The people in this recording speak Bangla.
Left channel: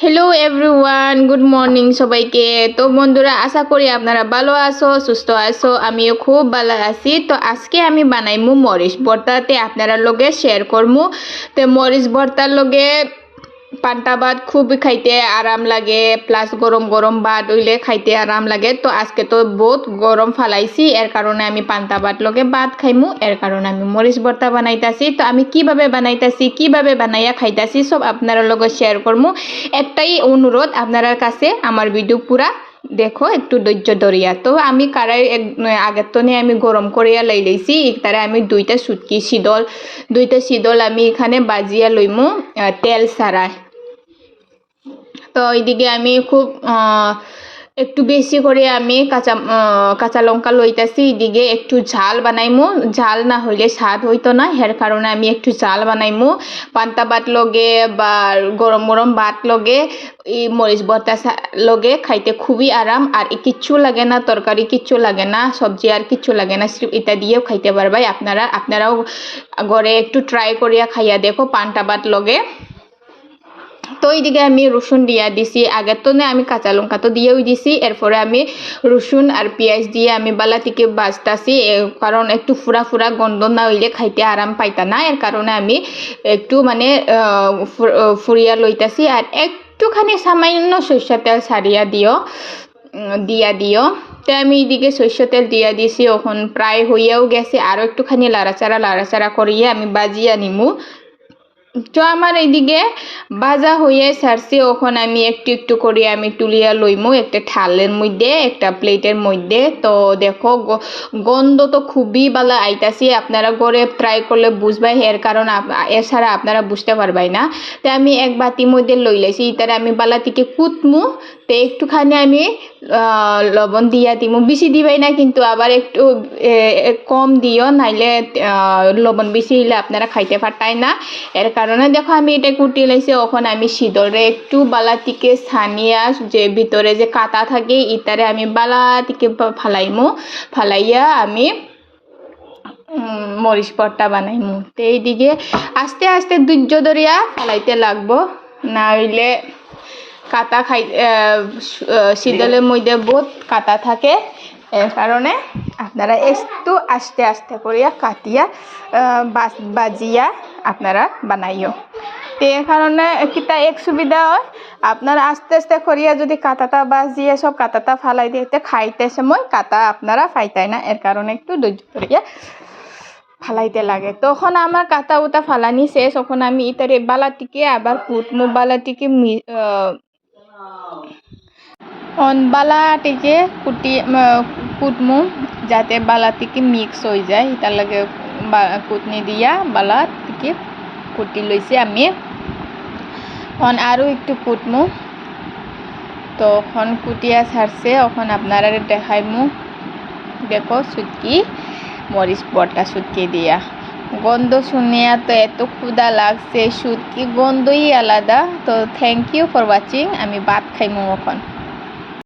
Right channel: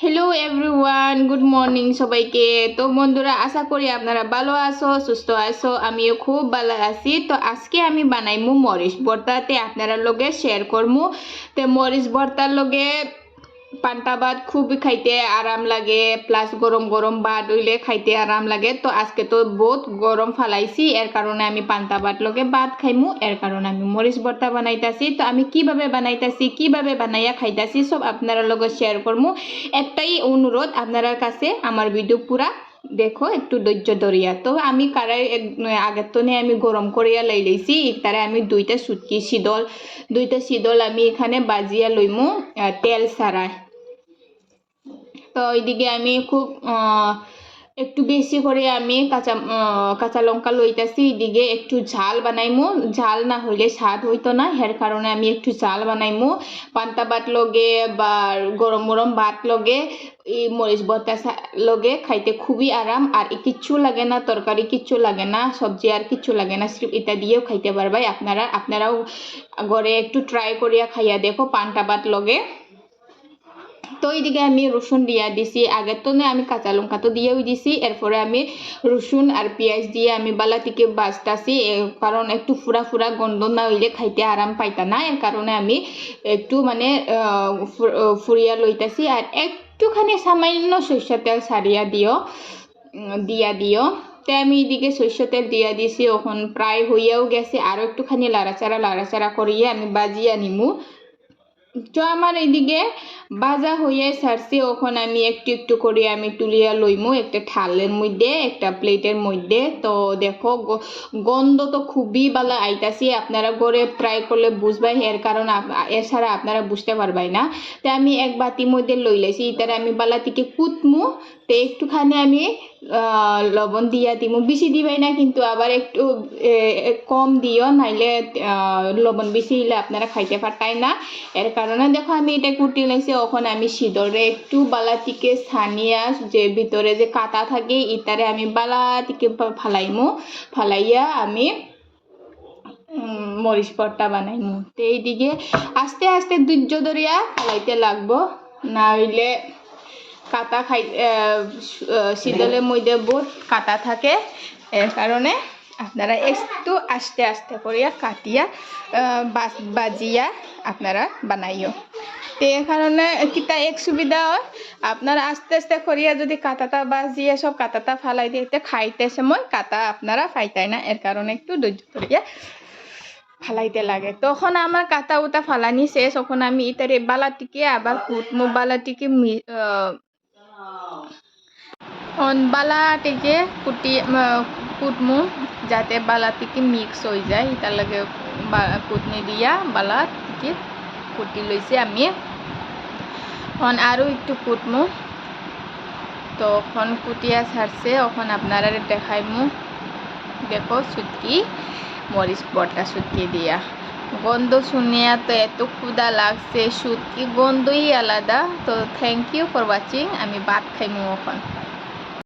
হ্যালো এভরিওয়ান, গুড মর্নিং সবাইকে। তো বন্ধুরা, আশা করি আপনারা ভালো আছো, সুস্থ আছো। আমিও খুব ভালো আছি। তো আজকে আমি বানাইমু মরিচ ভর্তাতে আপনারা লগে শেয়ার করমু। তো মরিচ ভর্তার লগে পান্তা ভাত খুব খাইতে আরাম লাগে, প্লাস গরম গরম ভাত হইলে খাইতে আরাম লাগে। তো আজকে তো বহুত গরম ফালাইছি, এর কারণে আমি পান্তা ভাত লগে ভাত খাইমু, এর কারণে আমি মরিচ ভর্তা বানাইতাছি। তো আমি কিভাবে বানাইতাছি, কিভাবে বানাইয়া খাইতাছি সব আপনারা লগে শেয়ার করমু। একটাই অনুরোধ আপনার কাছে, আমার ভিডিও পুরা দেখো, একটু ধৈর্য ধরিয়া। তো আমি কারাই আগের তো আমি গরম করিয়া লইছি। তারা আমি দুইটা শীতল আমি এখানে বাজিয়া লইমু তেল ছাড়াই। তো এইদিকে আমি খুব একটু বেশি করে আমি কাঁচা লঙ্কা লইতাছি। এদিকে একটু ঝাল বানাইমু, ঝাল না হইলে স্বাদ হইতো না, এর কারণে আমি একটু ঝাল বানাইমু। পান্তা ভাত লগে বা গরম গরম ভাত লগে এই মরিচ ভর্তা লগে খাইতে খুবই আরাম। আর কিচ্ছু লাগে না, তরকারি কিচ্ছু লাগে না, সবজি আর কিচ্ছু লাগে না, এটা দিয়েও খাইতে পারবাই। আপনারাও ঘরে একটু ট্রাই করিয়া খাইয়া দেখো পান্তা ভাত লগে। তো এইদিকে আমি রসুন দিয়া দিছি। আগের তো আমি কাঁচা লঙ্কা তো দিয়েও দিছি, এরপরে আমি রসুন আর পেঁয়াজ দিয়ে আমি বালা থেকে বাজতাছি, কারণ একটু ফুরা ফুরা গন্ধ না হইলে খাইতে আরাম পাইতা না, এর কারণে আমি একটু মানে ফুরিয়া লইতাছি। আর একটুখানি সামান্য সরষের তেল ছাড়িয়া দিও। তো আমি এদিকে সরষের তেল দিয়া দিছি, এখন প্রায় হইয়াও গেছে। আরও একটুখানি লাড়াচাড়া করিয়ে আমি বাজিয়া নিমু। তো আমার এইদিকে ভাজা হয়ে ছাড়ছে, ওখন আমি একটু একটু করে আমি তুলিয়া লইমু একটা থালের মধ্যে, একটা প্লেটের মধ্যে। তো দেখো গন্ধ তো খুবই ভালো আইতাছি, আপনারা ঘরে ট্রাই করলে বুঝবাই, এর কারণ এছাড়া আপনারা বুঝতে পারবাই না। তো আমি এক বাটির মধ্যে লইলেছি, এটারে আমি বালা থেকে কুটমু। তো একটুখানি আমি লবণ দিয়া দিমু, বেশি দিবাই না কিন্তু, আবার একটু কম দিও, নাইলে লবণ বেশি হইলে আপনারা খাইতে পারতাই না। এর কারণে দেখো আমি এটা কুটি লাইছি। এখন আমি শীতলে একটু বালা থেকে ছানিয়া, যে ভিতরে যে কাটা থাকে ইটারে আমি বালা থেকে ফালাইয়া আমি মরিচ ভর্তা বানাইমু। তো এইদিকে আস্তে আস্তে ধৈর্য ধরিয়া ফালাইতে লাগবো, না হইলে কাটা শীতলের মধ্যে বহুত কাটা থাকে, এর কারণে আপনারা একটু আস্তে আস্তে করিয়া কাটিয়া বাজিয়া আপনারা বানাইও। তো এর কারণে কিতা এক সুবিধা হয়, আপনারা আস্তে আস্তে করিয়া যদি কাটাটা বাজিয়ে সব কাটাটা ফালাই দিতে খাইতে সময় কাটা আপনারা ফাইতাই না, এর কারণে একটু ধৈর্য করিয়া ফালাইতে লাগে। তখন আমার কাটা উটা ফালানি শেষ, তখন আমি ইতারে বালাটিকে আবার কুটমু, বালাটিকে বালাটিকে কুটমু যাতে বালাটিকে মিক্স হয়ে যায়, তার লাগে কুটনি দিয়া বালাটিকে কুটি লইছি আমি। আরও একটু কুটমু, তখন কুটিয়া ছাড়ছে, এখন আপনারা দেখাইমু। দেখো সুটকি মরিচ ভর্তা সুটকি দিয়া, গন্ধ শুনিয়া তো এত ক্ষুধা লাগছে, সুটকি গন্ধই আলাদা। তো থ্যাংক ইউ ফর ওয়াচিং, আমি ভাত খাইমু এখন।